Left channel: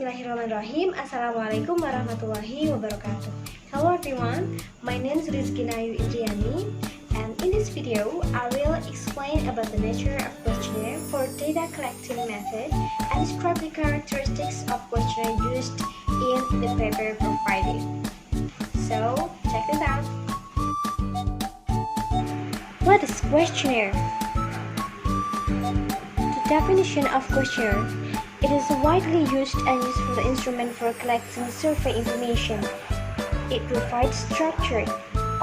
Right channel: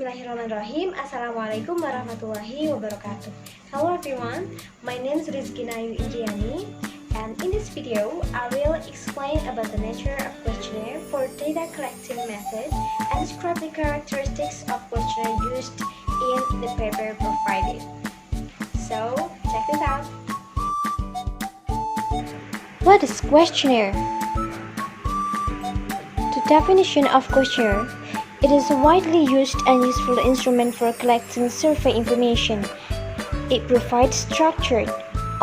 Bismillahirrahmanirrahim. Assalamualaikum warahmatullahi wabarakatuh. Hello everyone, my name is Rizkina Ayu Indriyani, and in this video I will explain about the nature of questionnaire for data collecting method and describe the characteristics of questionnaire used in the paper provided. So check this out. What is questionnaire? The definition of questionnaire: it is a widely used and useful instrument for collecting survey information. It provides structured,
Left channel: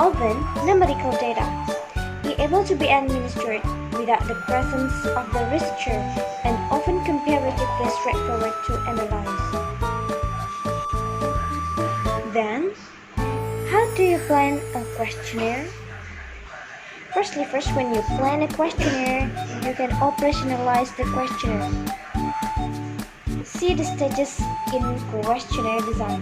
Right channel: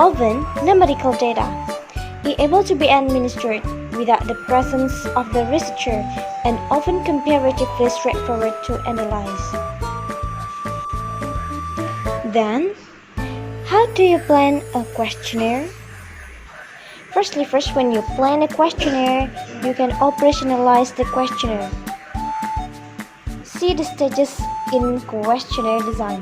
often numerical data, able to be administered without the presence of the researcher and often comparatively straightforward to analyze. Then, how do you plan a questionnaire? First, when you plan a questionnaire, you can operationalize the questionnaire. See the stages in questionnaire design.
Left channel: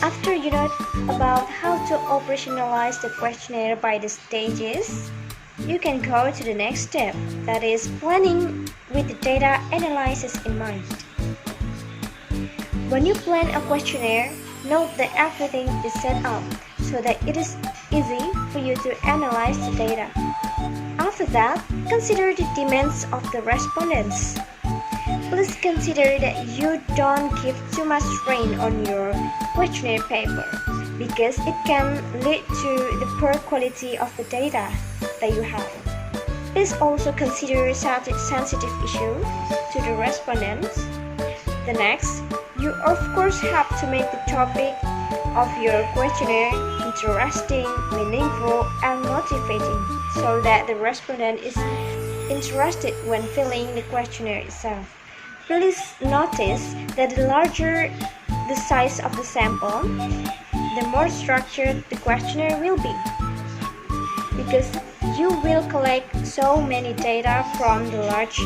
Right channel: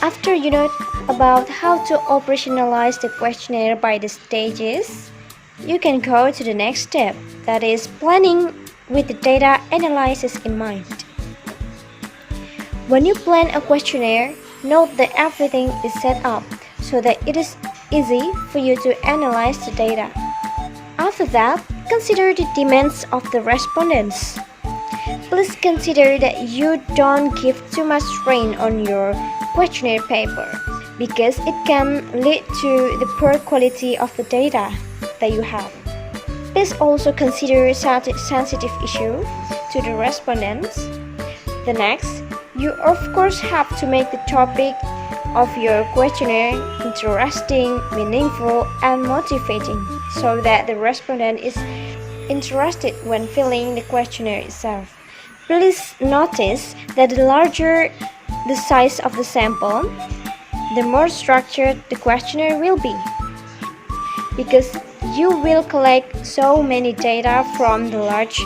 After you know about how to operationalize the questionnaire by the stages, you can go to the next step, that is planning with the data analysis in mind. When you plan a questionnaire, note that everything is set up so that it is easy for you to analyze the data. After that, consider the demands of the respondents. Please consider that you don't give too much strain on your questionnaire paper, because it can lead to the poor quality of the data that you have. Please also consider sensitive issues to the respondents. The next, you of course have to make the topic of your questionnaire interesting, meaningful, and motivating so that the respondent is interested when filling the questionnaire itself. Please notice that the larger the size of the sample, the more structured the questionnaire will be, because you will collect so many data from the large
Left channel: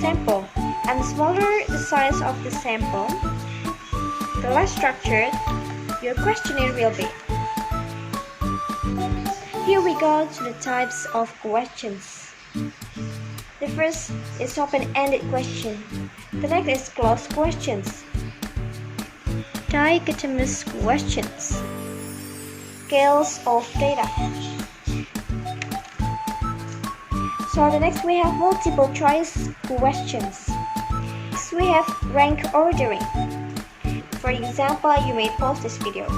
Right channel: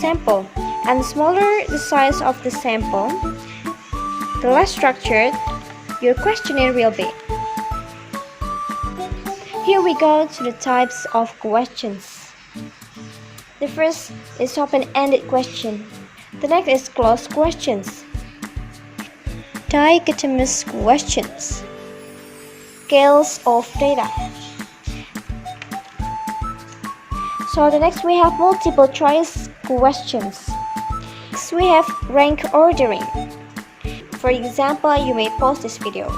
sample, and the smaller the size of the sample, the less structured your questionnaire will be. Here we go to the types of questions. The first is open-ended question. The next is closed questions. Dichotomous questions. Scales of data. So the next we have multiple choice questions. Next we have rank ordering. For example, you may pause this video.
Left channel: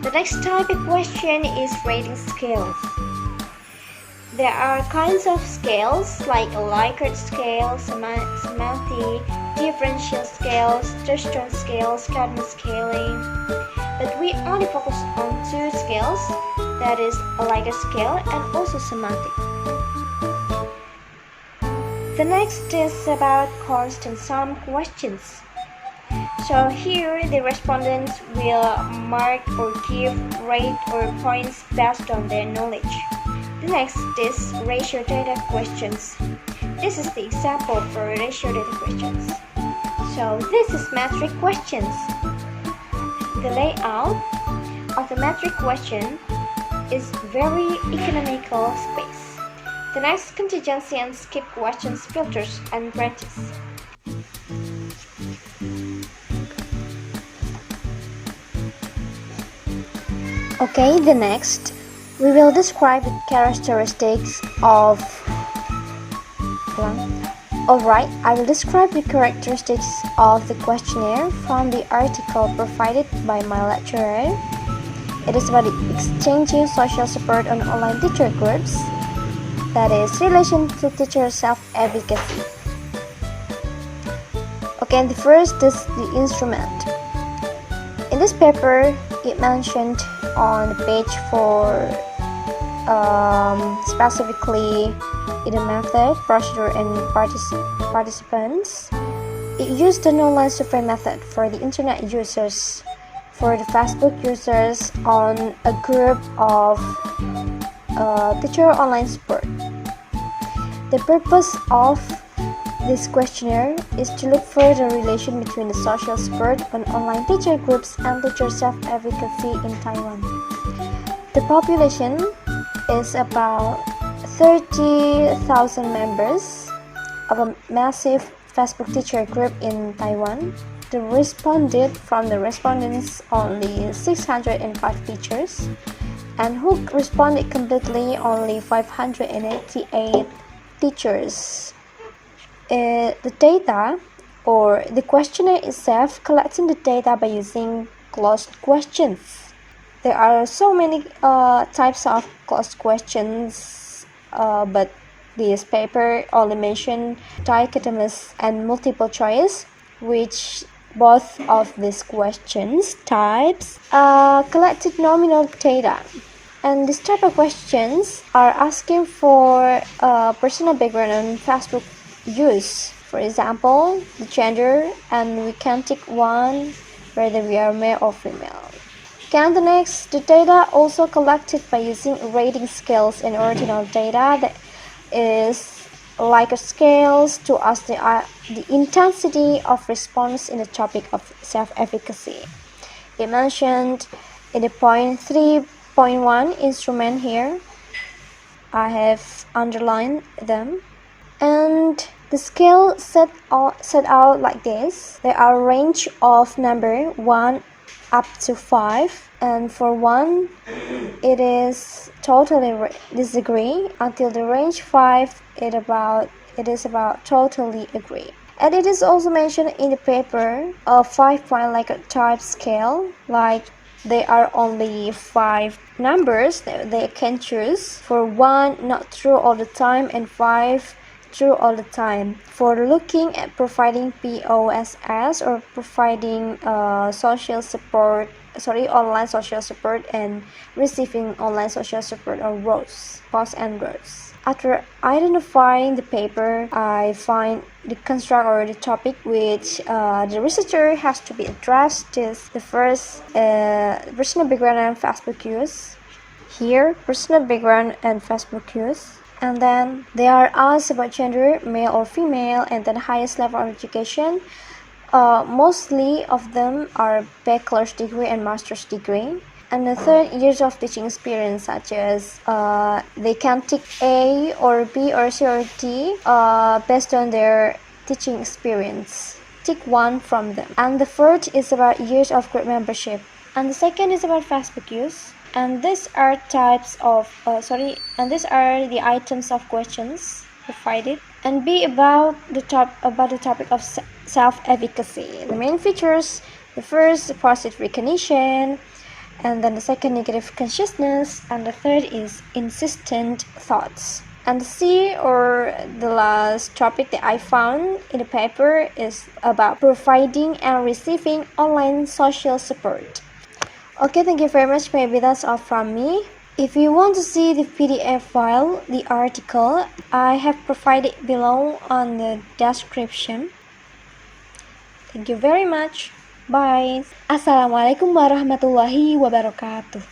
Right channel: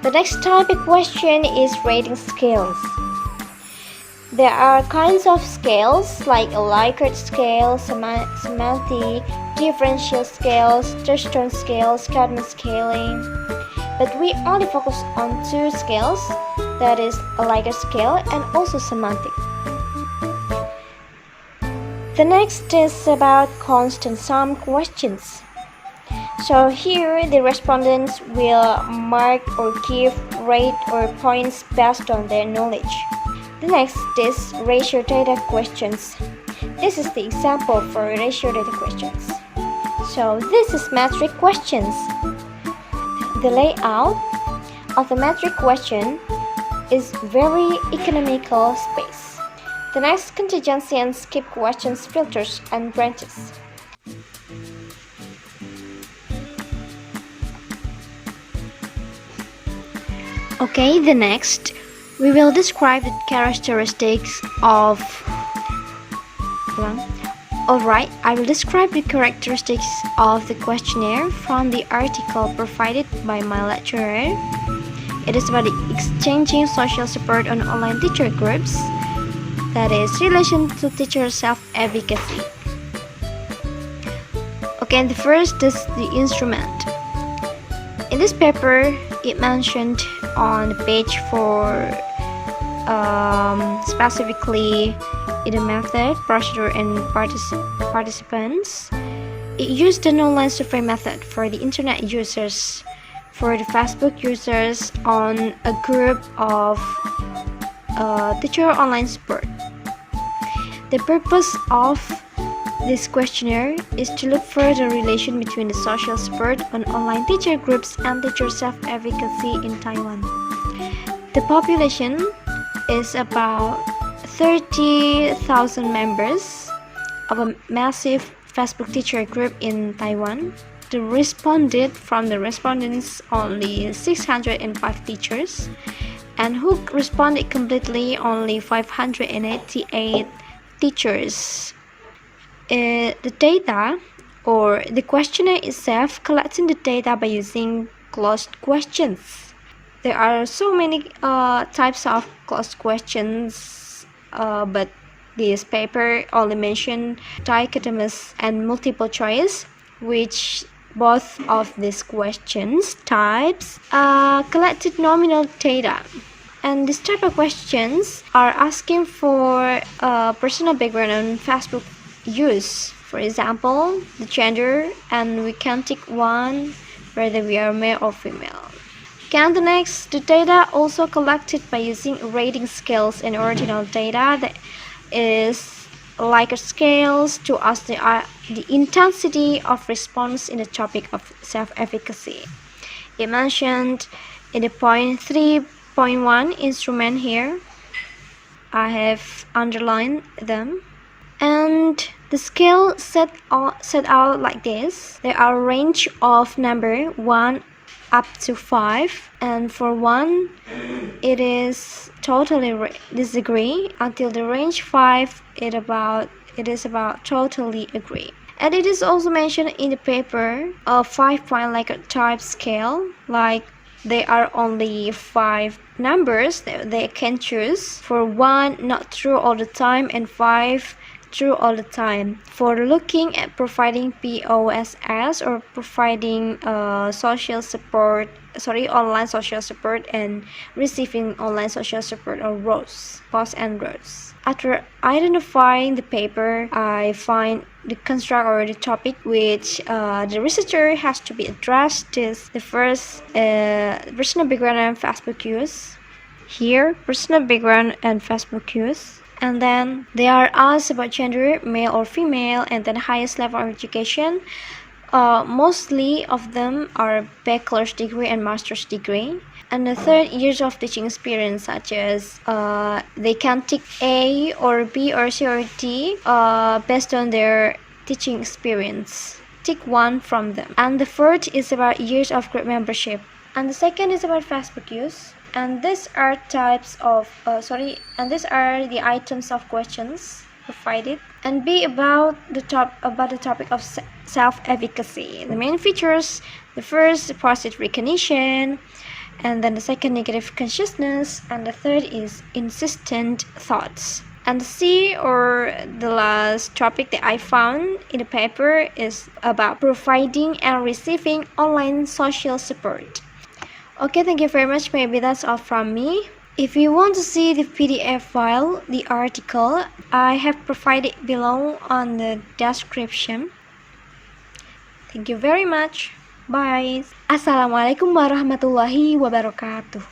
The next type of question is rating scales. There are kinds of scales like a Likert scale, semantic, differential scales, touchstone scales, cadence scaling. But we only focus on two scales, that is a Likert scale and also semantic. The next is about constant sum questions. So here the respondents will mark or give rate or points based on their knowledge. The next is ratio data questions. This is the example for ratio data questions. So this is metric questions. The layout of the metric question is very economical space. The next, contingency and skip questions, filters and branches. Okay, the next, we will describe the characteristics of... Alright, I will describe the characteristics of the questionnaire from the article provided by my lecturer. It is about exchanging social support on online teacher groups, that is, relation to teacher self-advocacy. Okay, and the first is the instrument. In this paper, it mentioned on the page for specifically in the method, procedure, and participants. It used an online survey method for the internet users, for the Facebook users on a group of teacher online support. The purpose of this questionnaire is to look for the relation between the social support on online teacher groups and teacher self-advocacy in Taiwan. The population is about 30,000 members of a massive Facebook teacher group in Taiwan. From the respondents only 605 teachers, and who responded completely only 588 teachers. The data or the questionnaire itself collecting the data by using closed questions. There are so many types of closed questions, but this paper only mentioned dichotomous and multiple choice, which both of these questions types collected nominal data. And this type of questions are asking for personal background on Facebook use. For example, the gender, and we can tick one whether we are male or female. The next, the data also collected by using rating scales and ordinal data that is like a scales to ask the intensity of response in the topic of self-efficacy. It mentioned in the point 3.1 instrument here. I have underlined them. And the scale set out like this. There are a range of number 1 up to 5, and for 1 it is totally disagree until the range 5 it is about totally agree. And it is also mentioned in the paper a 5-point like a type scale, like there are only 5 numbers that they can choose. For 1 not true all the time and 5 true all the time. For looking at providing POSS or providing online social support and receiving online social support or rows, posts and rows. After identifying the paper, I find the construct or the topic which the researcher has to be addressed is the first personal background and Facebook use. Here, personal background and Facebook use. And then they are asked about gender, male or female, and then highest level of education. Mostly of them are bachelor's degree and master's degree. And the third, years of teaching experience, such as they can tick A or B or C or D based on their teaching experience. Tick one from them. And the fourth is about years of group membership. And the second is about Facebook use. And these are the items of questions provided. And B about the topic of self-efficacy. The main features: the first, the positive recognition, and then the second, negative consciousness, and the third is insistent thoughts. And C, or the last topic that I found in the paper, is about providing and receiving online social support. Okay, thank you very much. Maybe that's all from me. If you want to see the PDF file, the article, I have provided below on the description. Thank you very much. Bye. Assalamualaikum warahmatullahi wabarakatuh.